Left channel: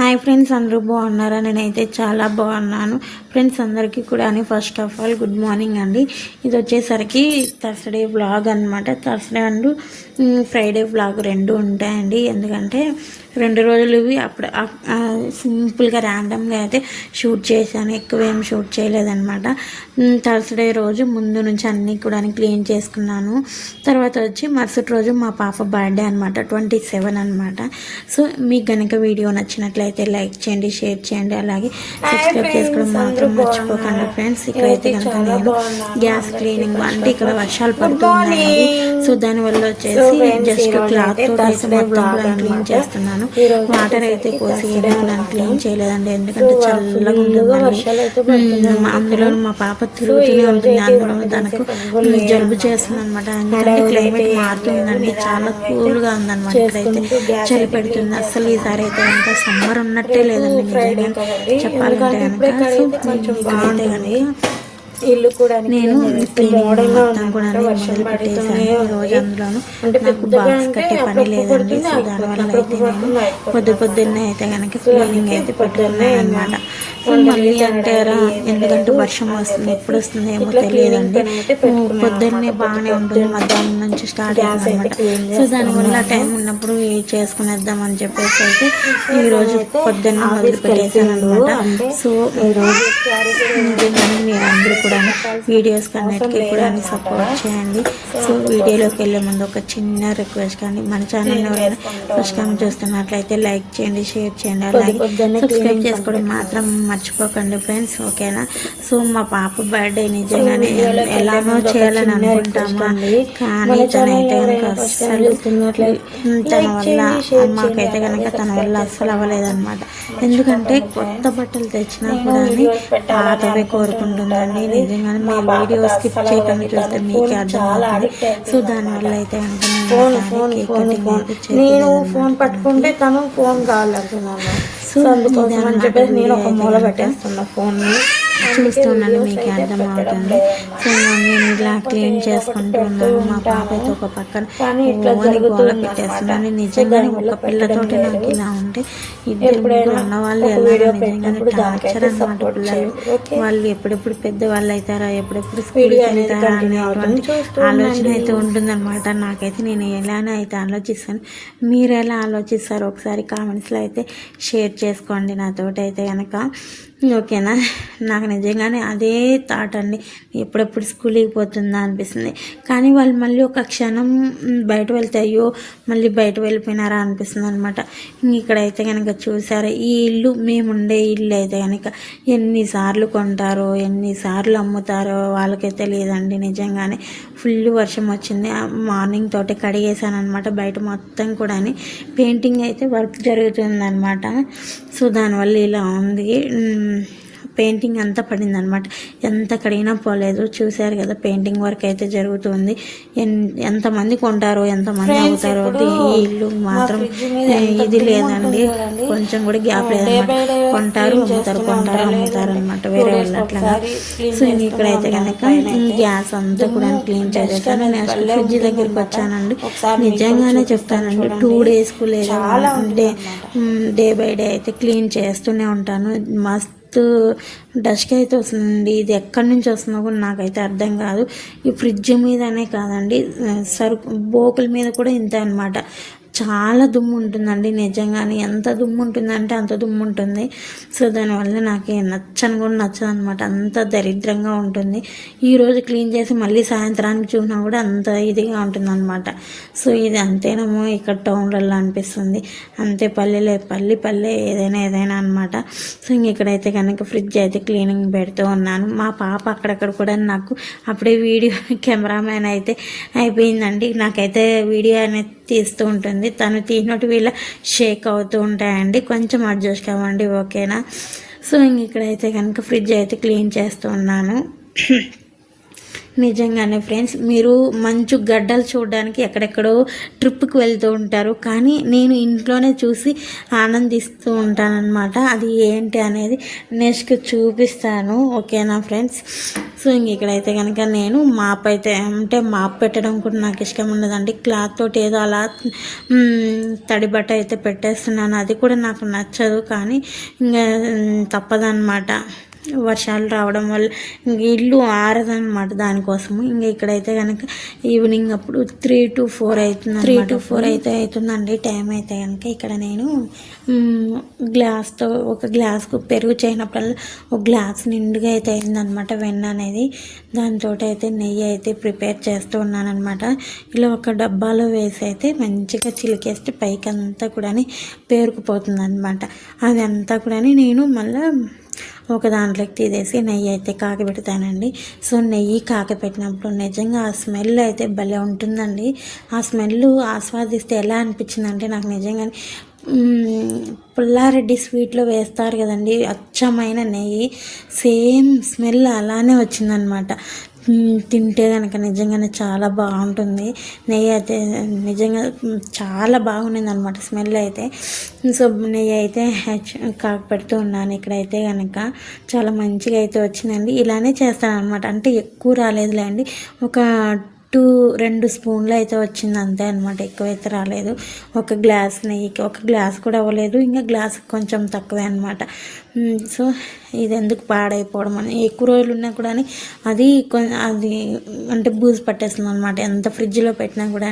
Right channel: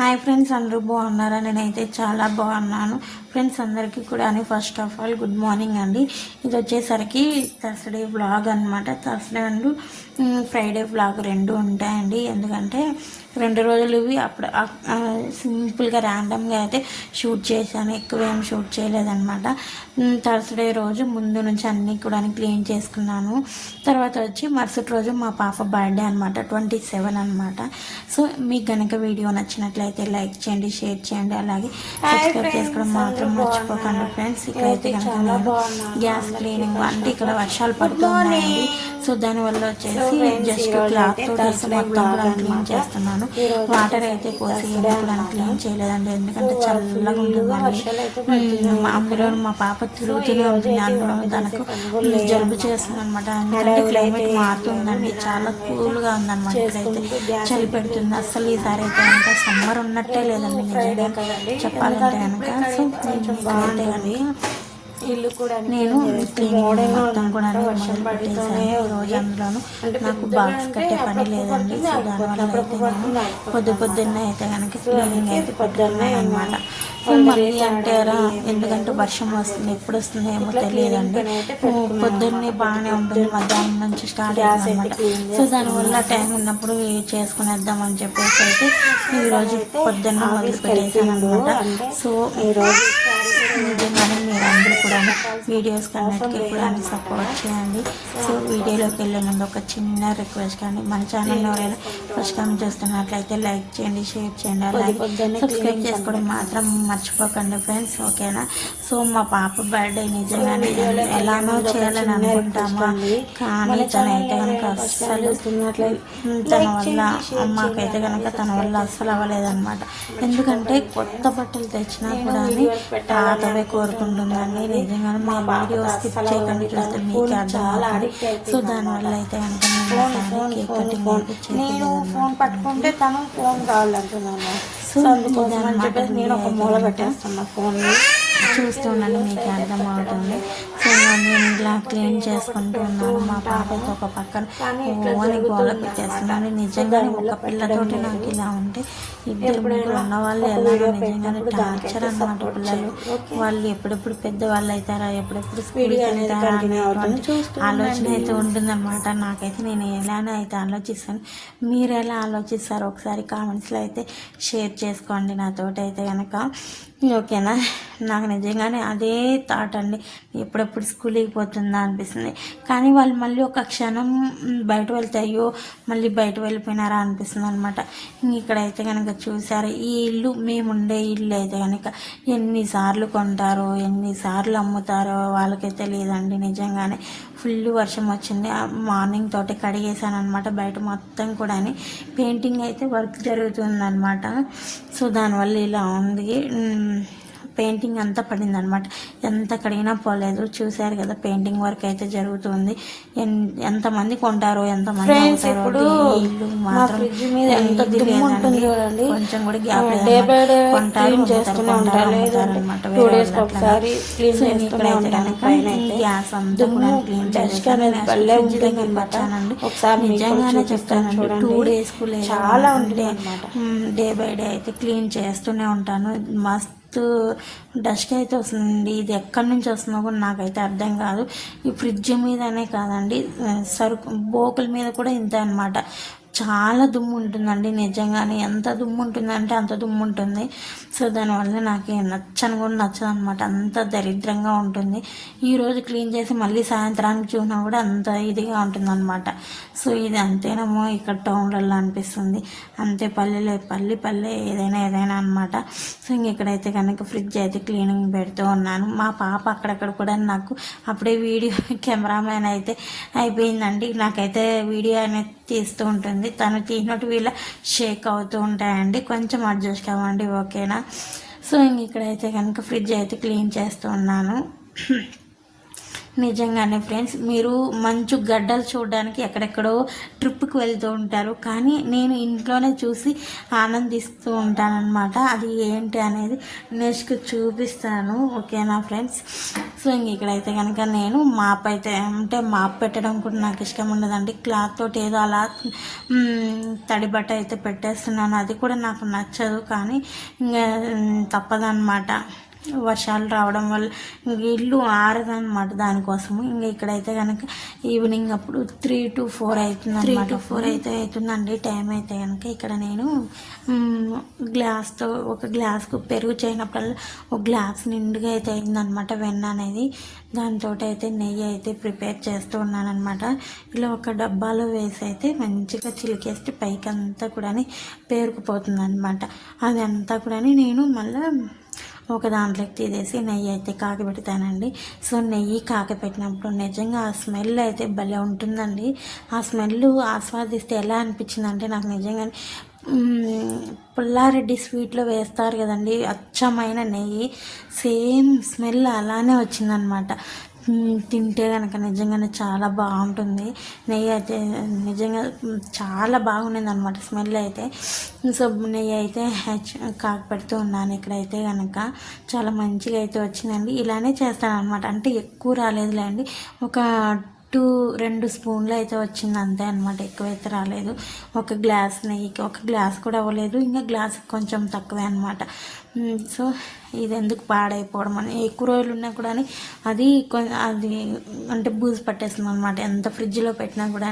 Hi friends, అందరూ బాగున్నారా? నేనైతే చాలా బాగున్నాను ఫ్రెండ్స్. అందరికీ కూడా first of all good morning అండి. ఇది వచ్చేసరికి థర్స్డే వ్లాగ్ అనమాట. థర్స్డే అండ్ ఫ్రైడే వ్లాగ్ రెండు ఉంటాయండి. ఎందుకంటే 2 రోజులు ఇవి అప్పుడు సింపుల్గా ర్యాండమ్గా అయితే షూట్ చేశాను, ఎక్కువ ఏం షూట్ చేయలేదన్నమాట. థర్స్డే రోజు ముందు నుంచి అన్నీ కూడా క్లీన్ చేసుకున్నాను. తర్వాత వచ్చి మరుసటి రోజు మా పాప బర్త్డే అనమాట, 27 అనమాట. సో మీకు కనుక వీడియో నచ్చినట్లయితే లైక్ చేయండి, షేర్ చేయండి, అలాగే సబ్స్క్రైబ్ చేసుకోవడం మాత్రం మర్చిపోకండి ఫ్రెండ్స్. ఇక్కడైతే కనుక నేను గ్యాస్ క్లీనింగ్ అంటే ఇక్కడ వర్షాలు పడుతున్నాయి, సో దానివల్ల వచ్చేసి జస్ట్ క్లాత్ తోటి అయితే మొత్తం కూడా క్లీన్ చేస్తున్నాను. వాటర్ అయితే పోసి కూడా క్లీన్ చేయలేదండి, ఎందుకంటే చల్లగా ఉంటుందండి. అందులో మా పాప తిరుగుతూనే ఉంటుంది, అందులో దానికి జలుబు చేస్తుంది అనమాట. ఎందుకంటే క్లైమేట్ మారుతుందండి, చాలా కూల్గా ఉందన్నమాట. ఇక్కడైతే చలి పెడుతుంది. అసలు ఈసారి అయితే కనుక సమ్మర్ ఉన్నట్టే లేదండి నిజంగా చెప్పాలంటే కనుక. ఇల్లు కూడా నేను మొత్తం కూడా మొదలు పెట్టేసాను రోజు. అందులోనూ నాకు బాక్స్ కట్టే పని లేదండి, సో దానివల్ల అయితే నేను పొద్దున్నే అయితే కనుక క్లీనింగ్ అయితే పెట్టుకున్నాను అనమాట. సో మళ్ళీ అంటారా, ఎందుకంటే వర్షం వస్తుంది, ఎప్పుడు వస్తుంది ఏమో తెలియదండి. పొద్దున్నే బాగానే ఉంటుంది, మధ్యాహ్నం నుంచి స్టార్ట్ అవుతుంది అనమాట. సో దానివల్ల టైం ఉన్నప్పుడు చేసుకునేద్దామని చెప్పేసి అయితే ఈరోజు పొద్దున్నే మొదలు పెట్టేసాను అనమాట. సో మీరందరూ కూడా వీడియోస్ కన్నిటికీ కూడా సపోర్ట్ చేయండి. సో వీడియోలోకి వెళ్ళే ముందు ఒక చిన్న రిక్వెస్ట్, కానీ మన ఛానల్ ఎవరైనా ఫస్ట్ టైం చూస్తున్నట్లయితే లైక్ చేయండి, షేర్ చేయండి, అలాగే సబ్స్క్రైబ్ చేసుకోవడం మాత్రం మర్చిపోకండి ఫ్రెండ్స్, ఓకేనా? సో మా పాప బర్త్డే నిజంగానే ఎలానో చేయాలని అనుకుంటామా, కానీ తనైతే కనుక అస్సలు తన వల్ల అమ్మకైతే కనుక తన వల్ల అస్సలు అవ్వలేదన్నమాట. ఎందుకంటే కొత్త బట్టలు తెచ్చినా కూడా పాతవే కోరుకుంటుందండి. నిజంగానే మీ వీడియో స్కిప్ చేయకుండా చూస్తే మీకే అర్థం అవుతుంది. సో దానివల్ల అయితే నేను ఫోన్ పట్టుకుంటే తను ఫోన్ కావాలంటున్నాను. సో అందుకోసం అని చెప్పేసి నేను ఒక మూల పెట్టేస్తున్నా ఫోన్ చూస్తున్నాను, మీకు అర్థమవుతుంది. సో నేను ఇలా క్లీన్ చేసుకుంటున్నాను. మా పాప అయితే ఒక పక్కన గోల పెట్టేస్తున్నాను. నిజంగానే ఒక పిల్లతోటి నాకు ఇలా ఉంటే ఇద్దరు ఉన్న వాళ్ళు ఎలా నిజంగానే టార్చర్ అనమాట. పిల్లలు వాళ్ళు ఎప్పుడెప్పుడు పెద్దవాళ్ళు అవుతారా, ఎప్పుడెప్పుడు స్కూల్కి వెళ్తారా అనేటువంటి ఆలోచన అయితే ఉంటుందన్నమాట. నాకైతే నేను ఎలానే అయితే ఆలోచిస్తాను, మీరు ఎలా ఆలోచిస్తారో ఒకసారి కామెంట్స్లో అయితే షేర్ చేసుకోండి నాతోటి అయితే కనుక, ఓకేనా? నాకు నిజంగానే అదే థాట్ అండి, ఎప్పుడెప్పుడు స్కూల్కి పోతుందా అనిపిస్తుంది. కానీ వాళ్ళు మళ్ళీ ఒక క్షణం బయట వెళ్తే అయ్యో మళ్ళీ బయట వెళ్ళిపోయినారా అనిపిస్తుంది అనమాట. ఇక్కడైతే కనుక చూసారా, ఈ ఇల్లు మేముండే ఇల్లు అయితే కనుక ఎన్నిసార్లు కొంటారో ఎన్నిసార్లు అమ్ముతారో వాళ్ళకైతే తెలియదండి. నిజంగానే ఫుల్ వర్షం వచ్చింది, మార్నింగ్ తోటి కడిగేసాను అనమాట. బయట మొత్తం కూడా పెయింటింగ్ అయితే వర్క్ జరుగుతుందన్నమాట. సో దానివల్ల ఇలా ఉంది, పెయింటింగ్ అంతా పడింది అనమాట. ఎంత కడిగినా పోలేదు. చూశారు కదా, పెయింటింగ్ వర్క్ అయితే జరుగుతుంది. ఎంతమంది కొంటారో ఎంతమంది అవుతారో, ఇల్లు మాత్రం ఇది లేదండి, కొంచెం కూడా గ్యాప్ లేదన్నమాట. కొంటారు అమ్ముతారు అనమాట వేరే వాళ్ళు అట్లా. సో ఇక్కడైతే కనుక గ్యాస్ అంతా కూడా క్లీన్ చేస్తాను. ఫ్రిడ్జ్ దగ్గరికి వచ్చానండి, నిజంగానే చెప్తానండి 2 days చాలా ఉంటే డే బై డే అయితే క్లీన్ చేస్తూనే ఉంటాను. మస్తు డస్ట్ అయితే వస్తుందండి. ఇది ఎక్కడి నుంచి వస్తుందో కూడా నాకైతే అర్థం కాదు. ఈ ఫ్రిడ్జ్ మీదనే కాదండి, సరుకు బోకుల మీద కూడా ఇంతే అనమాట. చాలా దుమ్ము ఉంటుందండి, నిజంగానే ఎంత దుమ్ము ఉంటుందంటే అంత దుమ్ము ఉంటుంది. సో దానివల్ల నాకు నచ్చని కూడా నచ్చదు అనమాట, అంత దరిద్రంగా ఉంటుంది. ఈరోజు క్లీన్ చేసి మళ్ళీ సాయంత్రానికి చూసినా కూడా అంత ఇదిగా ఉంటుంది అనమాట. సో ఇది అంతేనేమో ఇక్కడ టౌన్లలో అనిపిస్తుంది, అంతే పల్లె ఏదైనా అనమాట. సో ఇక్కడైతే కనుక ఫ్రిడ్జ్ అయితే క్లీనింగ్ పెడుతూ ఉన్నాను. మా పాప అక్కడక్కడ కూడా నాకు అప్పుడే వీడియో కెమెరామ్యాన్ అయితే అయిపోయిందండి. నాకైతే వీడియో అనేది తీస్తూ ఉంటుంది, తను తీసినట్టు వీళ్ళ షేక్ అవుతూ ఉంటాయండి, కొంచెం అడ్జస్ట్ అవ్వండి, ఓకేనా? సో ఇక్కడైతే కనుక ఫ్రిడ్జ్ అయితే క్లీన్ చేస్తూ ఉన్నాను. నిజంగానే ఫ్రెండ్స్, మీరు మంచు గడ్డలు చూడడానికి ఎక్కడెక్కడో ట్రిప్కి వెళ్తూ ఉంటారు, కానీ నేను ఇంట్లోనే చూసి ఆనందిస్తూ ఉంటానన్నమాట. అది ఏంటి అనేది నెక్స్ట్ చూపిస్తాను, ఓకేనా ఫ్రెండ్స్. సో ఇక్కడైతే కనుక నేను మాప్ అయితే అంటే మాప్ పెట్టడం కూడా నాకు ఇష్టం ఉండదండి. క్లాత్ తోటి ఏదో అలా తడి బట్ట అయితే పెట్టేస్తున్నాను, అది కూడా నాకు నచ్చదు, కానీ ఇంకా తప్పదన్నమాట. వర్షాలు రావడం వల్ల ఇల్లు ఆరదనమాట, దానికోసము. ఇంకా ఇక్కడైతే కనుక ఈవినింగ్ అప్పుడు 3 to 4 అవుతుంది, 3 to 4 అయితే అవుతుందండి టైం అయితే కనుక. ఇక్కడ నేను గ్లాస్తో ఒక గ్లాస్కు పెరుగు చేయనప్పుడల్లా ఒక గ్లాస్ నిండుగా అయితే అయిందనమాట వెన్న అనేది. దాంతో అయితే నెయ్యి అయితే ప్రిపేర్ చేస్తూ ఉన్నానమాట. ఇలా ఒక డబ్బాలో వేసి అయితే మంచిగా చిలికేస్తే పైకి అంతా కూడా పేరుకుపోతుంది అనమాట. అదంతా కూడా నేను మళ్ళీ ఒక దాంట్లోకి తీసేసి నెయ్యి అయితే కాకపెడతానండి. సో నెయ్యి కాకపెట్టినప్పుడు నిజంగా ఆ స్మెల్ అయితే భలే ఉంటుందండి. ఆ స్మెల్ ఆస్వాదిస్తే ఎలా అనిపించిందంటే నాకు నిజంగానే పుల్లారెడ్డి స్వీట్లో వేస్తారు కదండి అచ్చమైన నెయ్యి, సేమ్ స్మెల్ అలానే వచ్చిందనమాట. తింటే కనుక నిజంగానే చాలా బాగుంటుంది. నెయ్యి అయితే నిజంగా చాలా బాగుండింది అనమాట స్మెల్ అయితే. సో నెయ్యి అయితే కాకపెడుతూ ఉన్నాను. ఇక్కడైతే కనుక చాలా మంచిగా అయితే వచ్చిందండి. ఇలానే చేస్తాను అనమాట, అంటే ఎక్కువ రాలేదులేండి, ఒక 2 స్పూన్లు అయితే వచ్చింది అంతే అనమాట, ఎక్కువైతే రాలేదు. ఒక గ్లాస్ నెయ్యికి ఒక గ్లాస్ కూడా అవ్వలేదు, ఇంకా గ్లాస్ కొంచెం తక్కువే అనమాట. సో ఇది ఎందుకు పాడైపోవడం అని, ఎక్కువ రోజులు ఉన్నా కూడా అది అంటే బూజు పట్టేస్తుంది అనమాట. ఎంత ఫ్రిడ్జ్లో పెట్టినా కూడా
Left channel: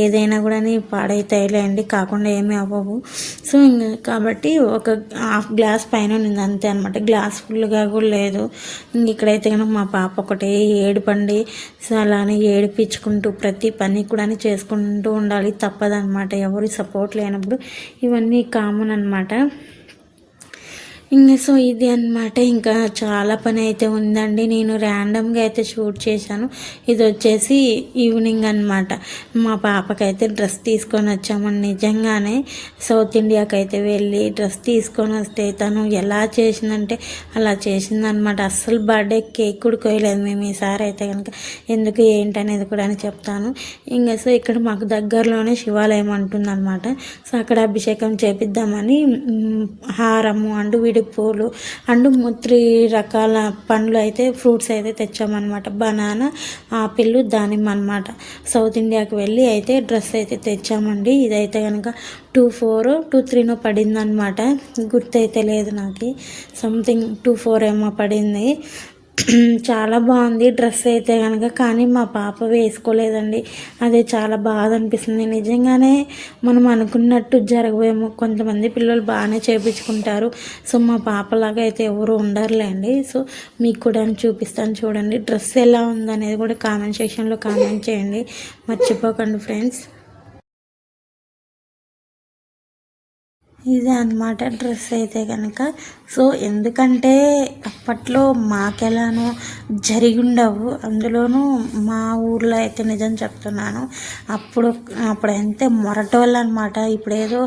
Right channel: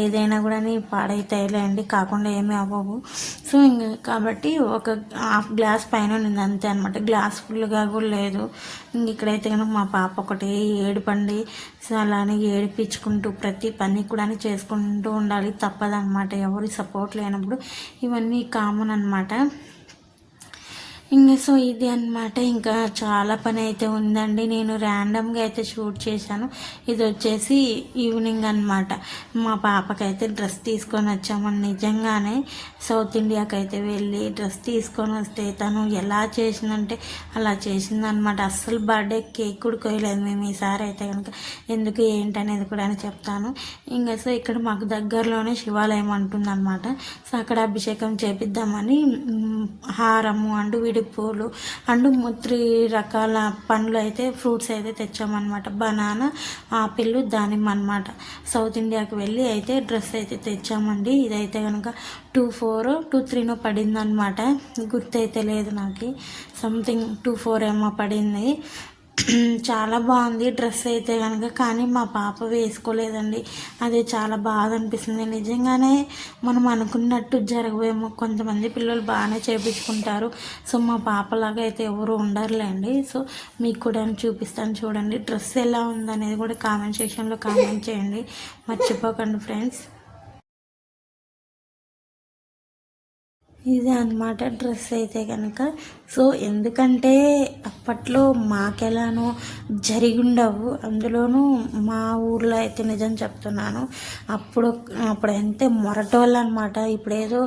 ఏదైనా కూడా పాడైతాయిలేండి, కాకుండా ఏమీ అవ్వవు. సో కాబట్టి ఒక హాఫ్ గ్లాస్ పైన ఉంది అంతే అనమాట, గ్లాస్ ఫుల్గా కూడా లేదు. ఇక్కడైతే కనుక మా పాప ఒకటి ఏడుపండి, సో అలానే ఏడిపించుకుంటూ ప్రతి పని కూడా చేసుకుంటూ ఉండాలి, తప్పదనమాట. ఎవరి సపోర్ట్ లేనప్పుడు ఇవన్నీ కామన్ అనమాట. ఇంకా సో ఇది అనమాట. ఇంకా చాలా పని అయితే ఉందండి. నేను ర్యాండమ్గా అయితే షూట్ చేశాను. ఇది వచ్చేసి ఈవినింగ్ అనమాట. మా పాపకైతే డ్రెస్ తీసుకొని వచ్చామని, నిజంగానే సౌత్ ఇండియాకి అయితే వెళ్ళి డ్రెస్ తీసుకొని వస్తే తను ఎలా చేసిందంటే అలా చేసిందనమాట. అస్సలు బర్త్డే కేక్ కూడా కోయలేదు మేము ఈసారి అయితే కనుక. ఎందుకు ఏంటి అనేది కూడా చెప్తాను. ఇంకా సో ఇక్కడ మాకు దగ్గరలోనే శివాలయం అంటుందన్నమాట. సో అక్కడ అభిషేకం చేపిద్దామని హారము అండ్ పూలు అండ్ 3 రకాల పండ్లు అయితే ఫ్రూట్స్ అయితే తెచ్చామన్నమాట. బనానా, ఆపిల్, దానిమ్మ అనమాట. సౌత్ ఇండియాకి వెళ్ళి అయితే డ్రెస్ అయితే తెచ్చామండి. ఇదైతే కనుక 2,400 2,300 పడింది అనమాట, గుర్తయితే లేదు నాకు, సంథింగ్ 2,400 ఏమో పడింది. చాలా బాగుంది డ్రెస్ అయితే కనుక, కానీ మా పాప వేసుకోలేదండి. అదే చాలా బాధ అనిపిస్తుంది. నిజంగానే మనం అనుకున్నట్టు జరగవేమో, కొంతమంది పిల్లలు బాగానే చేయించుకుంటారు. సో మా పాపలాగా అయితే ఎవరు ఉండరులేండి. సో మీకు కూడా చూపిస్తాను చూడండి. డ్రెస్ ఎలా ఉందనేది కూడా కామెంట్ సెక్షన్లో కామెంట్ చేయండి, మర్చిపోకండి ఫ్రెండ్స్. ఇదే అనమాట డ్రెస్ అయితే కనుక. సో ఎందుకంటే అప్పట్లో మాకెలానో జరిగి ఉండవు, అందులోనూ మా ఊర్లో అయితే నిజం చెప్తున్నాను, అప్పుడైతే మొరటోళ్ళు అనమాట. ఇప్పుడు ఏదో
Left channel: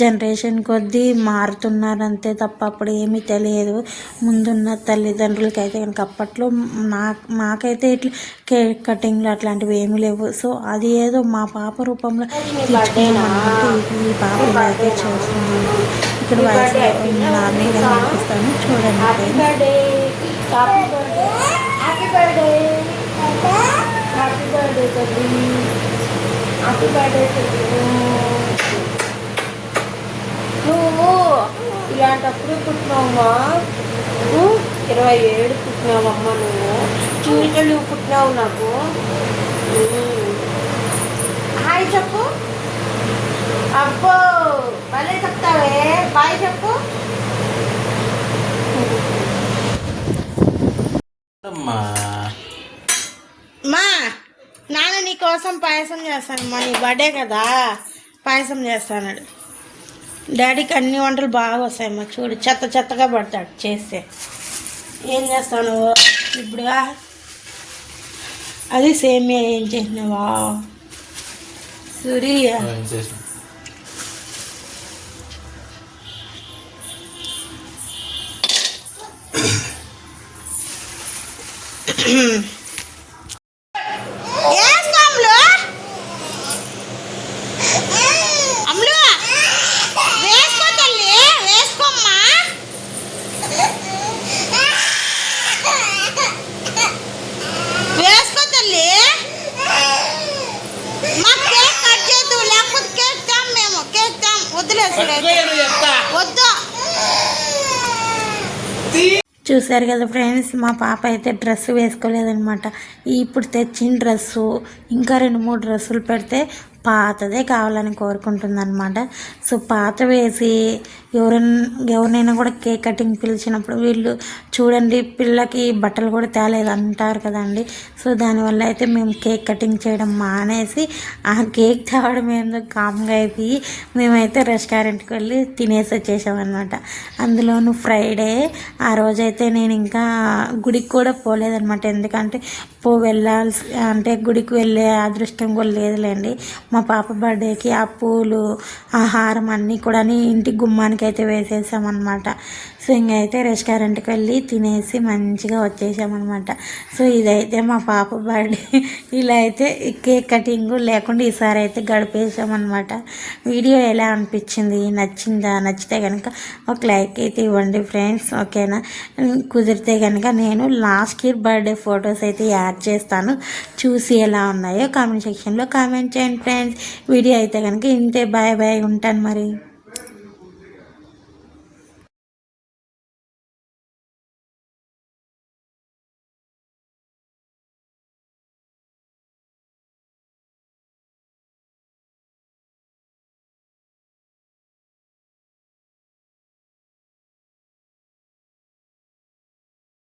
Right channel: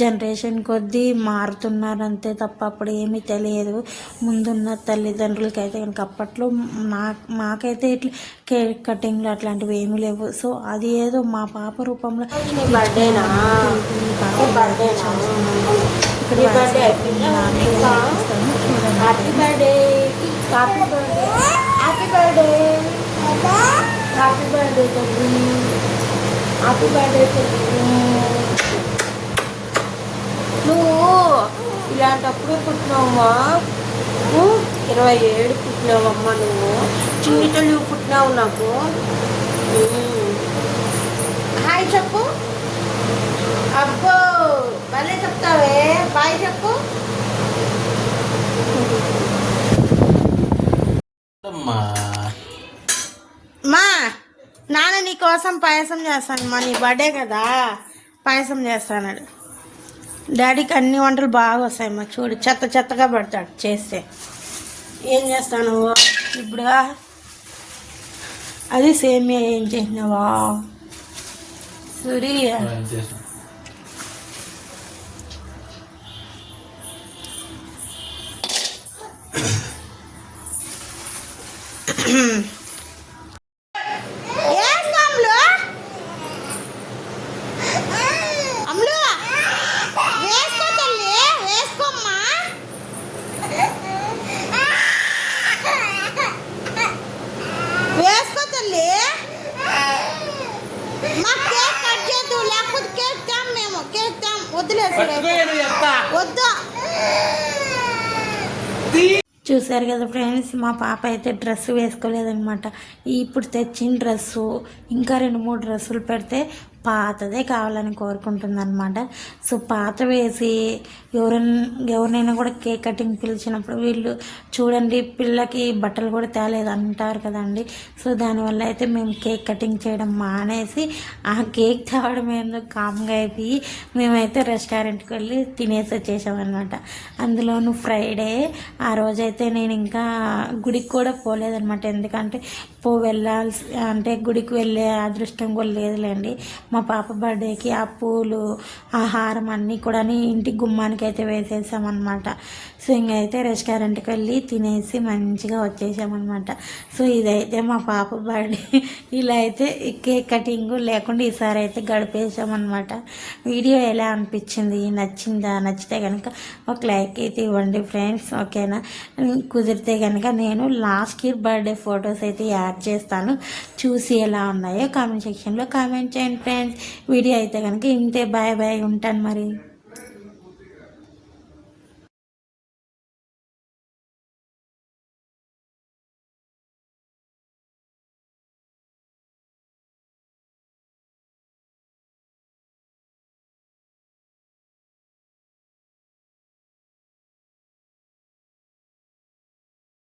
జనరేషన్ కొద్దీ మారుతున్నారు అంతే తప్ప అప్పుడు ఏమీ తెలియదు. ముందున్న తల్లిదండ్రులకి అయితే కనుక అప్పట్లో మాకైతే ఇట్లా కేక్ కటింగ్లు అట్లాంటివి ఏమీ లేవు. సో అది ఏదో మా పాప రూపంలో happy birthday, happy birthday, happy birthday, happy birthday తల్లి, హ్యాపీ బర్త్డే తల్లి. నువ్వు ఇలాంటప్పుడు పుట్టినావమ్మా, 27 పుట్టినావమ్మా, నువ్వు చీటలు పుట్టినావు నాకు. హాయ్ చెప్పు. అబ్బో భలే చెప్తావే, బాయ్ చెప్పు. మా నాన్న నీ కోసం పాయసం చేస్తాను, మా నీ బర్త్డే కదా పాయసం చేస్తాడు. డాడీకి అన్ని వంటలు బాగా వస్తాయి మా, చూడు చెత్త చెత్తగా పడతాడు చేస్తే. ఏం చేస్తాను ఇప్పుడు, అది సేమియా ఏం చేసినావా సూరి? చూసారు కదా ఫ్రెండ్స్, మా పాప అయితే డ్రెస్ వేసుకోలేదనమాట. ఇప్పుడు తెచ్చిన డ్రెస్సు ఇంకా 2-3 డ్రెస్సులు పెడితే పాతదే కావాలని కోరుకుంటుందన్నమాట. సో పాత వేసి ఎవరినైనా కూడా కేక్ కటింగ్ పిలిచినప్పుడు వీళ్ళు చూడండి పిల్లకి బట్టలు కూడా తేలేదు అంటారు కదండి. సో దానివల్ల అయితే మేము కేక్ కటింగ్ చేయడం మానేసి ఆ కేక్ తేవడం ఏందో కామ్గా అయిపోయి మేమైతే రెస్టారెంట్కి వెళ్ళి తినేసి వచ్చేసామన్నమాట. అందులోనూ ఫ్రైడే ఆ రోజైతే నేను ఇంకా గుడికి కూడా పోలేదన్నమాట. ఎందుకంటే వెళ్ళాల్సి అంటే గుడికి వెళ్ళే అదృష్టం కూడా లేదులేండి. మా పాప బర్త్డేకి ఆ పూలు ఆహారం అన్నీ కూడా ఇంటి గుమ్మానికి అయితే వేసేసామన్నమాట. సో ఇంకైతే రెస్టారెంట్కి వెళ్ళి తినేసి మంచిగా వచ్చేసామన్నమాట. సో ఇదైతే మా పాప బర్త్డే. ఇలా అయితే కేక్ కటింగ్ లేకుండా ఈసారి అయితే గడిపేసామన్నమాట. వీడియో ఎలా అనిపించింది, నచ్చిందా? నచ్చితే కనుక ఒక లైక్ అయితే ఇవ్వండి ఫ్రెండ్స్, ఓకేనా? కుదిరితే కనుక నేను లాస్ట్ ఇయర్ బర్త్డే ఫొటోస్ అయితే యాడ్ చేస్తాను, చూసి ఎలా ఉన్నాయో కామెంట్ సెక్షన్లో కామెంట్ చేయండి ఫ్రెండ్స్. వీడియో అయితే కనుక ఇంతే, బాయ్ బాయ్, ఉంటాను మరి.